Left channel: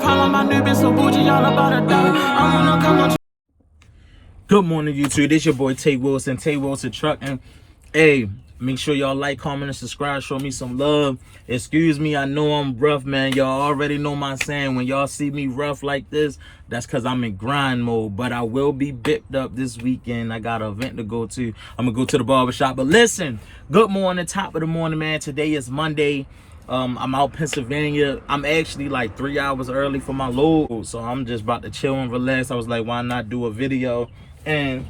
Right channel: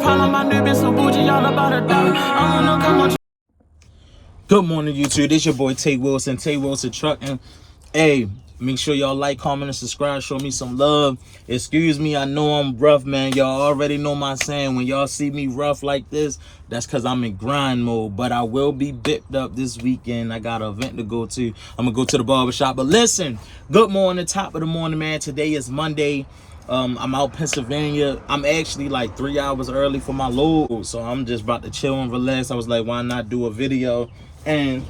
problem, my new bitch so bougie, all about a dollar. I wanna come on. Good morning, YouTube. This your boy Tay Wilson Trucking. Hey, make sure y'all like, comment, and subscribe. Show me some love. Excuse me, I know I'm rough, man. Y'all already know my saying. When y'all see me rough like this, that's because I'm in grind mode. But I will be bipped up this weekend. I got an event to go to. I'm going to go to the barbershop. But listen, good morning, top of the morning, man. Today is Monday. I'm out Pennsylvania. I'm actually like 3 hours early for my load. So I'm just about to chill and relax. I was like, why not do a video? And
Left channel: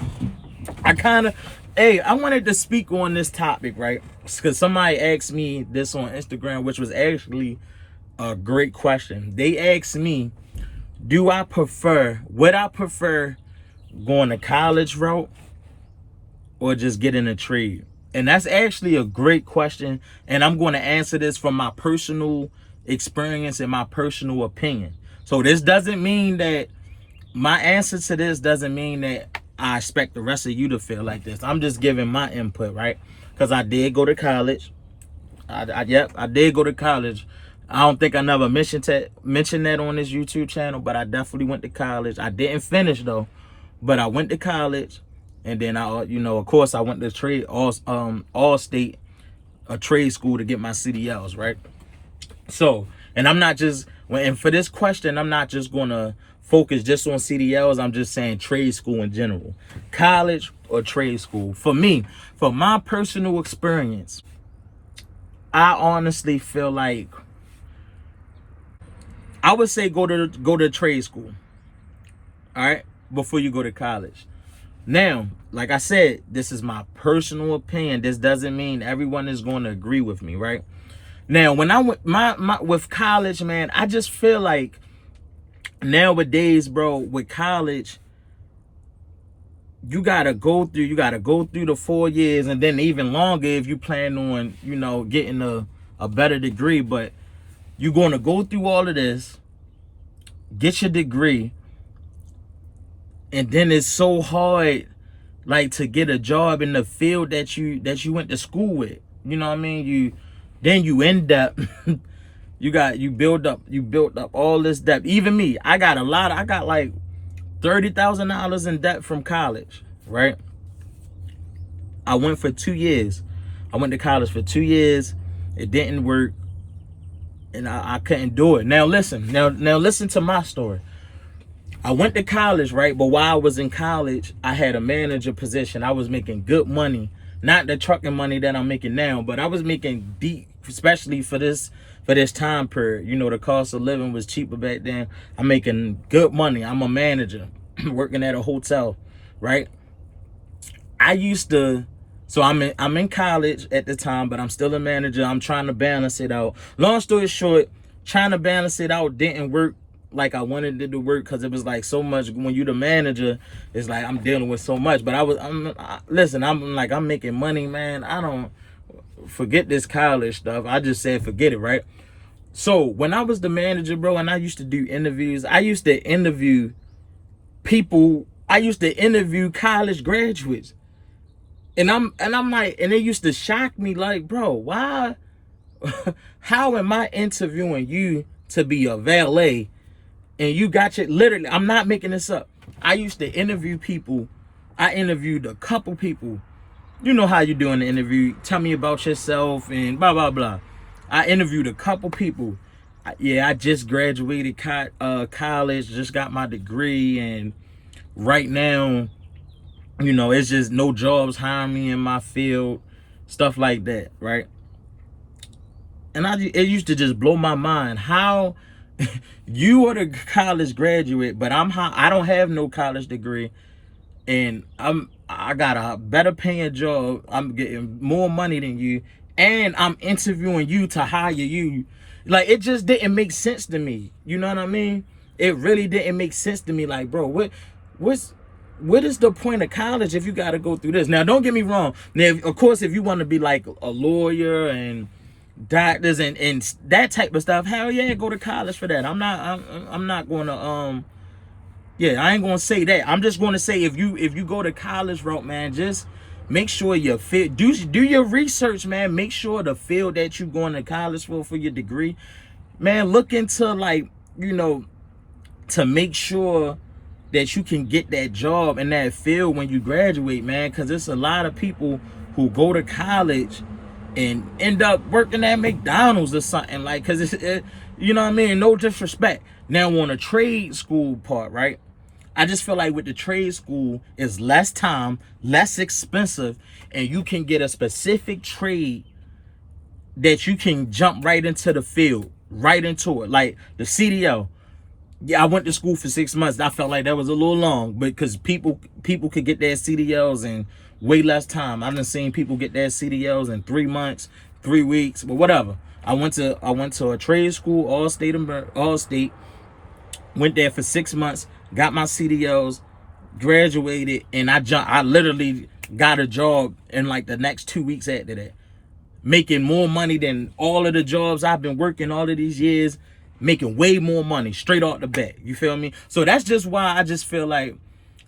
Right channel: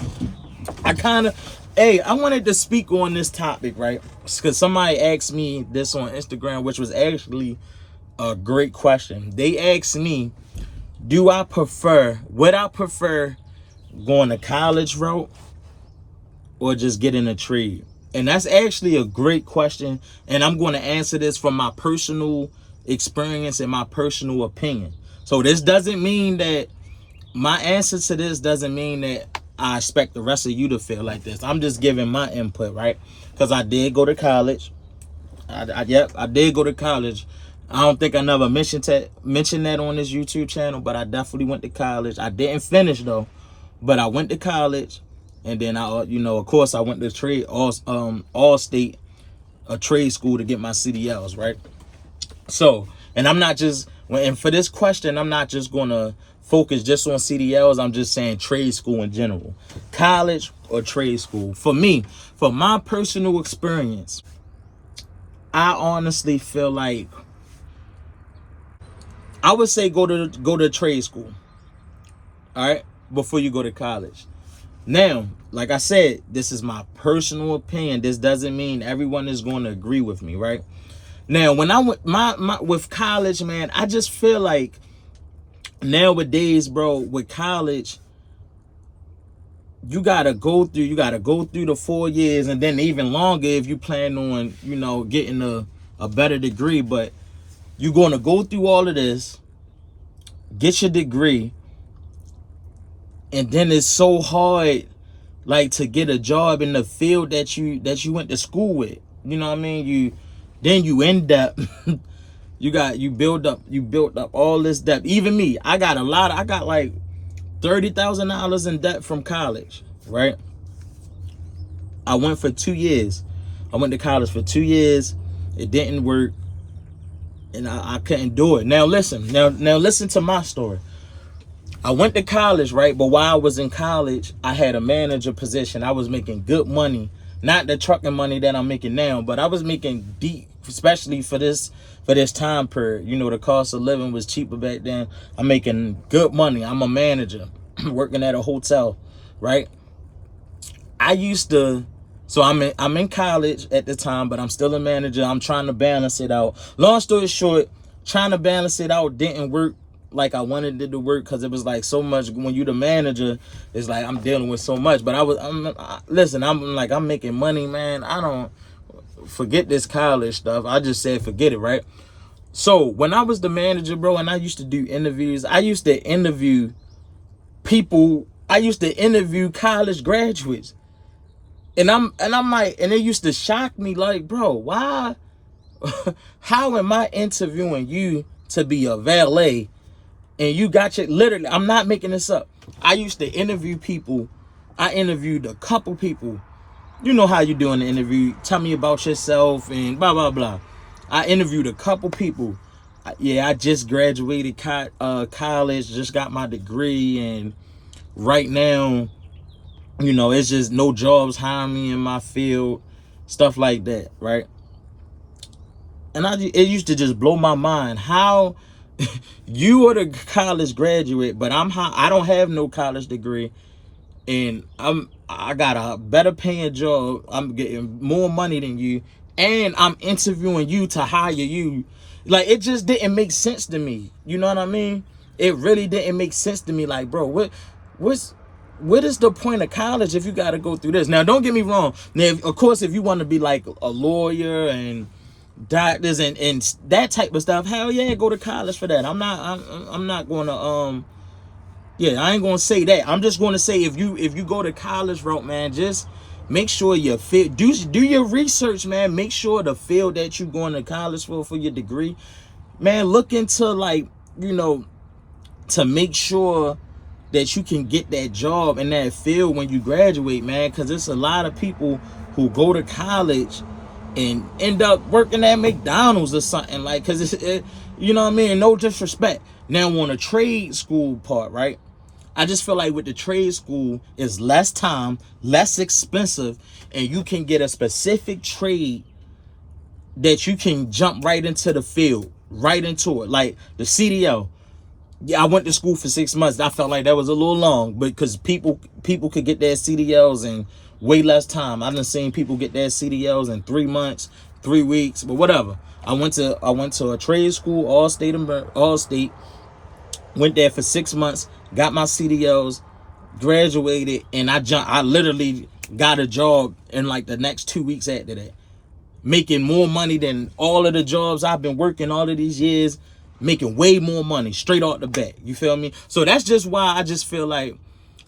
I wanted to speak on this topic, right? Because somebody asked me this on Instagram, which was actually a great question. They asked me, would I prefer going the college route or just getting a trade? And that's actually a great question. And I'm going to answer this from my personal experience and my personal opinion. So this doesn't mean that my answer to this doesn't mean that I expect the rest of you to feel like this. I'm just giving my input, right? Because I did go to college. I did go to college. I don't think I never mentioned that on this YouTube channel, but I definitely went to college. I didn't finish though, but I went to college, and then of course, I went to trade all state, a trade school to get my CDLs, right? So, and for this question, I'm not just gonna focus just on CDLs. I'm just saying trade school in general, college or trade school. For me, for my personal experience, I honestly feel like I would say go to trade school, all right, before you go to college. Now, like I said, this is my personal opinion. This doesn't mean everyone is going to agree with me, right? Now, when I went with college, man, I just feel like nowadays, bro, with college, you gotta go through the 4 years, and then even longer if you plan on, getting a better degree. But you're gonna go through all of this, get your degree, and then it's so hard, like, to get a job in the field that you went to school with. You know what I mean? You end up you built up all this debt. Even me, I got like $30,000 in debt from college, right? I went for 2 years. I went to college for 2 years. It didn't work, and I couldn't do it. Now listen to my story. I went to college, right? But while I was in college, I had a manager position. I was making good money, not the trucking money that I'm making now, but I was making deep, especially for this time period. The cost of living was cheaper back then. I'm making good money. I'm a manager working at a hotel, right? So I'm in college at the time, but I'm still a manager. I'm trying to balance it out. Long story short, trying to balance it out didn't work like I wanted it to work, because it was like so much. When you the manager, it's like I'm dealing with so much. But I'm making money, man. I don't forget this college stuff. I just said forget it, right? So when I was the manager, bro, and I used to do interviews, I used to interview people. I used to interview college graduates, and I'm like, and it used to shock me, like, bro, why? How am I interviewing you to be a valet, and you got your, literally, I'm not making this up. I used to interview people. I interviewed a couple people. You know how you do in the interview. Tell me about yourself and blah, blah, blah. I interviewed a couple people. I just graduated college, just got my degree, and right now, it's just no jobs hiring me in my field, stuff like that, right? And it used to just blow my mind how you are the college graduate, but I don't have no college degree, and I got a better paying job. I'm getting more money than you, and I'm interviewing you to hire you. Like, it just didn't make sense to me. You know what I mean? It really didn't make sense to me. Like, bro, what is the point of college if you got to go through this? Now, don't get me wrong. Now, of course, if you want to be like a lawyer and doctors and that type of stuff, hell yeah, go to college for that. I'm not going to I ain't gonna say that. I'm just gonna say, if you go to college route, man, just make sure you do your research, man. Make sure the field that you going to college for your degree, man, look into, like, to make sure that you can get that job in that field when you graduate, man. Because it's a lot of people who go to college and end up working at McDonald's or something, like, because you know what I mean? No disrespect. Now on a trade school part, right? I just feel like with the trade school, it's less time, less expensive, and you can get a specific trade that you can jump right into the field, right into it. Like the CDL. Yeah, I went to school for 6 months. I felt like that was a little long, because people could get their CDLs in way less time. I've done seen people get their CDLs in 3 months, 3 weeks, but whatever. I went to a trade school, all state, went there for 6 months, got my CDLs, graduated, and I literally got a job in like the next 2 weeks after that, making more money than all of the jobs I've been working all of these years, making way more money straight off the bat. You feel me? So that's just why I just feel like,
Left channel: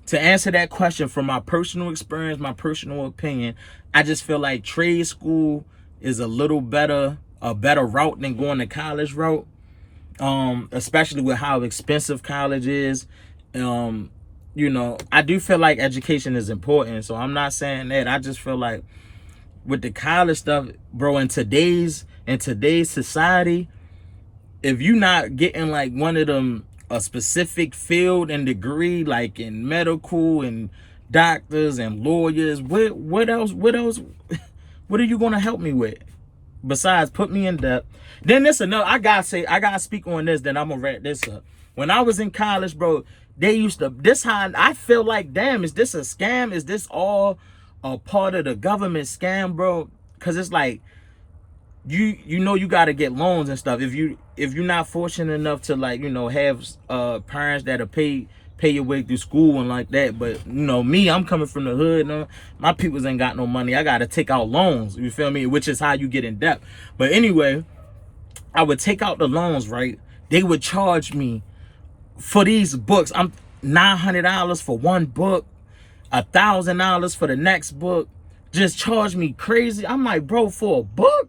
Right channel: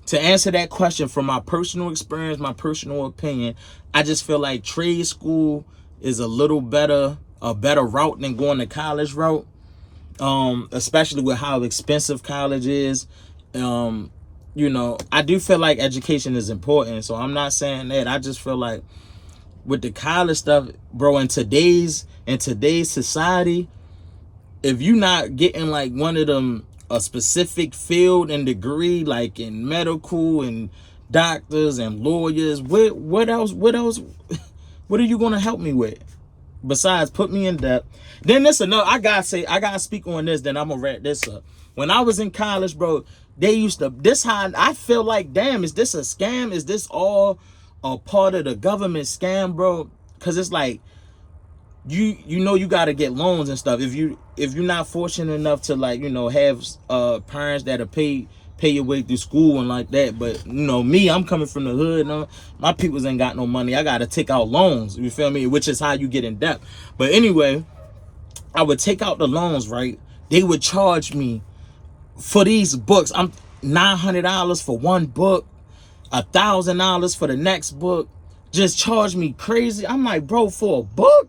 to answer that question from my personal experience, my personal opinion, I just feel like trade school is a better route than going the college route. Especially with how expensive college is. You know, I do feel like education is important, so I'm not saying that. I just feel like with the college stuff, bro, in today's society, if you're not getting like one of them, a specific field and degree, like in medical and doctors and lawyers, what else what are you gonna help me with besides put me in debt? Then this another, I gotta speak on this, then I'm gonna wrap this up. When I was in college, bro, they used to, this how I feel like, damn, is this a scam? Is this all a part of the government scam, bro? Because it's like, you know, you got to get loans and stuff if you're not fortunate enough to, like, you know, have parents that'll pay your way through school and like that. But you know, me, I'm coming from the hood, no, my peoples ain't got no money. I got to take out loans, you feel me? Which is how you get in debt. But anyway, I would take out the loans, right? They would charge me for these books. I'm $900 for one book, $1,000 for the next book. Just charge me crazy. I'm like, bro, for a book?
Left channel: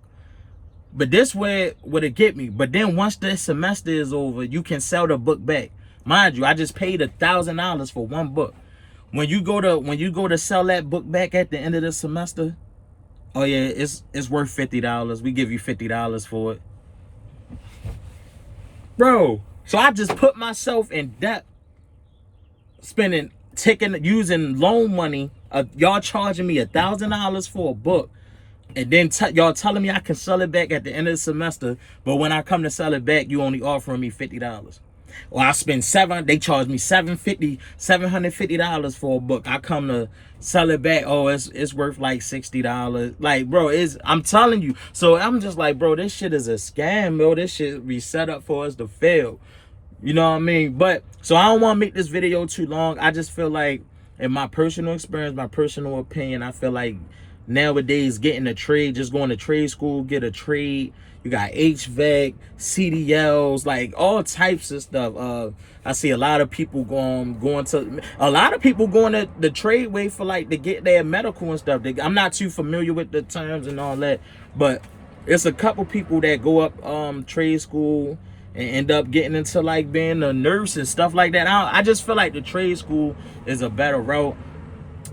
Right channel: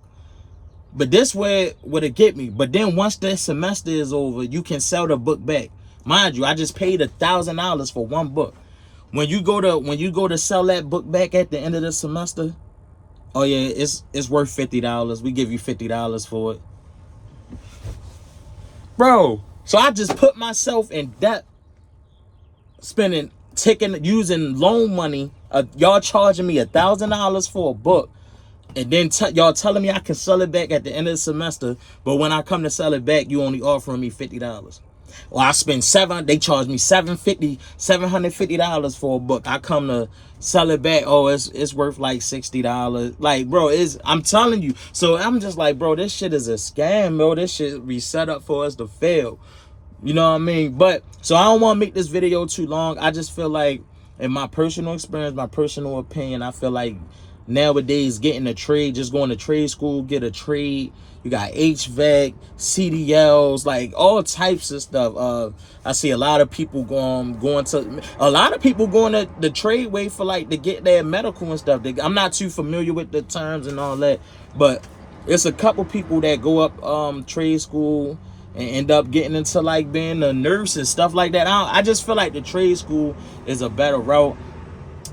But this way would it get me. But then once the semester is over, you can sell the book back. Mind you, I just paid $1,000 for one book. When you go to sell that book back at the end of the semester, oh yeah, it's worth $50. We give you $50 for it, bro. So I just put myself in debt, using loan money. Y'all charging me $1,000 for a book. And then y'all telling me I can sell it back at the end of the semester, but when I come to sell it back, you only offering me $50. Or I spend they charge me $750 for a book. I come to sell it back, oh, it's worth like $60. Like, bro, I'm telling you. So I'm just like, bro, this shit is a scam, bro. This shit be set up for us to fail. You know what I mean? But so I don't want to make this video too long. I just feel like, in my personal experience, my personal opinion, I feel like nowadays getting a trade, just going to trade school, get a trade. You got HVAC, CDLs, like all types of stuff. I see a lot of people going to the trade way for, like, to get their medical and stuff. I'm not too familiar with the terms and all that, but it's a couple people that go up trade school and end up getting into, like, being a nurse and stuff like that. I just feel like the trade school is a better route.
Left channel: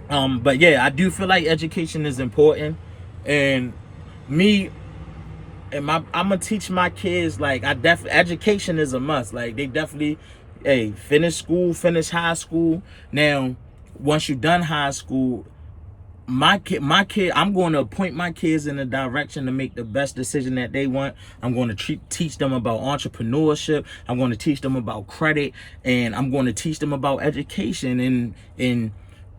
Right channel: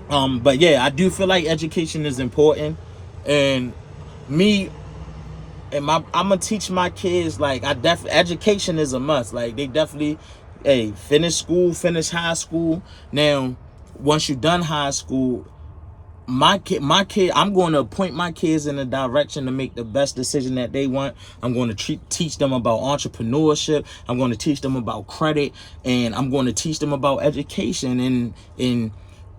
But yeah, I do feel like education is important, and I'm gonna teach my kids, like, education is a must. Like, they definitely, hey, finish school, finish high school. Now, once you're done high school, my kid, I'm going to point my kids in a direction to make the best decision that they want. I'm going to teach them about entrepreneurship. I'm going to teach them about credit, and I'm going to teach them about education, and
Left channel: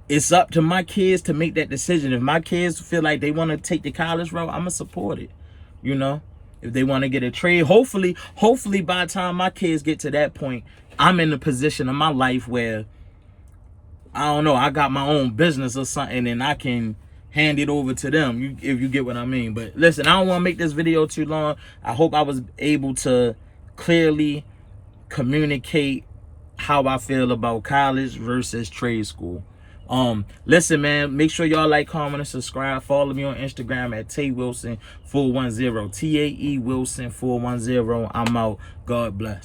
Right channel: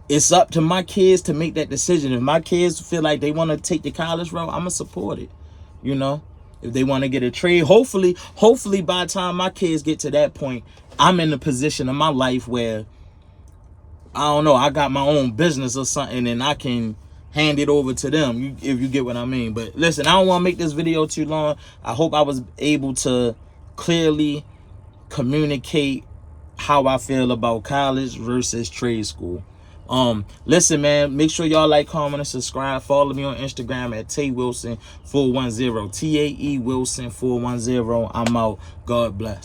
it's up to my kids to make that decision. If my kids feel like they want to take the college route, I'm gonna support it. You know, if they want to get a trade, hopefully by the time my kids get to that point, I'm in a position of my life where, I don't know, I got my own business or something, and I can hand it over to them, if you get what I mean. But listen, I don't want to make this video too long. I hope I was able to clearly communicate how I feel about college versus trade school. Listen, man, make sure y'all like, comment, and subscribe. Follow me on Instagram at Tae Wilson 410, TAE Wilson 410. I'm out. God bless.